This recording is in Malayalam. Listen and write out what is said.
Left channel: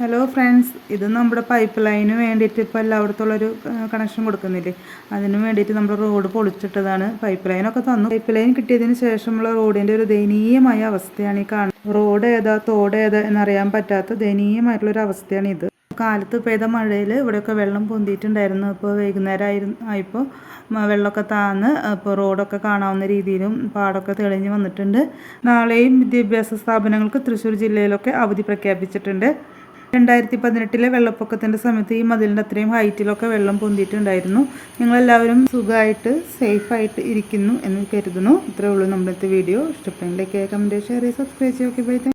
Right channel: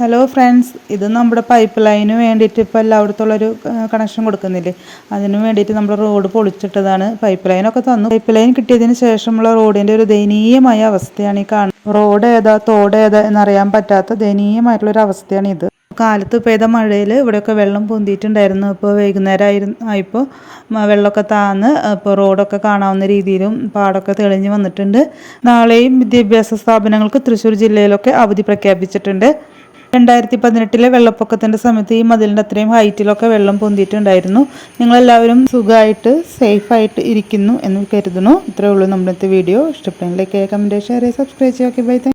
ഹലോ ഫ്രണ്ട്സ്, ഇത് നമ്മുടെ പൈപ്പ് ലൈന് വേണ്ടിയിട്ട് ഇപ്പോൾ എല്ലായിടത്തുള്ളൊരു കണക്ഷൻ കൊടുക്കുന്നില്ലേ, അതിന് വേണ്ടിയിട്ട് നമ്മൾ റോഡ് പൊളിച്ചിട്ടതാണ്. പൈപ്പ് ലൈനൊക്കെ തന്നു. പൈപ്പ് ലൈൻ കിട്ടിയതിന് ശേഷമുള്ള റോഡിൻ്റെ ഒരു ദയനീയമായ അവസ്ഥയാണ് ഈ കാണുന്നത്. റോഡ് ഏതാ തോട് ഏതാ എന്നറിയാൻ പറ്റാത്ത ദയനീയമായിട്ടുള്ളൊരു അവസ്ഥയാണ് ഇത്. കാലത്ത് പെയ്ത മഴയിൽ ഇവിടെയൊക്കെ വെള്ളം പൊന്തിയിട്ടുണ്ടായിരുന്നു. ഇപ്പോൾ വൈകുന്നേരം ആയപ്പോൾ വെള്ളമൊക്കെ താന്ന് ഇപ്പോൾ റോഡൊക്കെ കാണാവുന്ന രീതിയിലും പാടമൊക്കെ തെളിഞ്ഞ് വന്നിട്ടുണ്ട്. നാളെയും വിദ്യാഭ്യാസ സ്ഥാപനങ്ങൾക്ക് തൃശ്ശൂർ ജില്ലയിലൊക്കെ അവധി പ്രഖ്യാപിച്ചിട്ടുണ്ട്. 2018 വെള്ളപ്പൊക്കത്തിൻ്റെ സമയത്ത് ഈ മതിലിൻ്റെ അത്രയും ഹൈറ്റിലൊക്കെ വെള്ളം പൊന്തിയിട്ടുണ്ടായിരുന്നു. നിങ്ങളെല്ലാവരും സുഖമായിട്ട് സേഫായിട്ട് ഇരിക്കുന്നു എന്ന് കരുതുന്നു. ഇത്രയേ ഉള്ളൂ നമ്മുടെ വീഡിയോ. ഇഷ്ടപ്പെട്ടെങ്കിൽ ലൈക്ക് ചെയ്യുക, കമൻറ്റ് ചെയ്യുക, ഷെയർ ചെയ്യുക, സബ്സ്ക്രൈബ് ചെയ്യുക. ബൈ.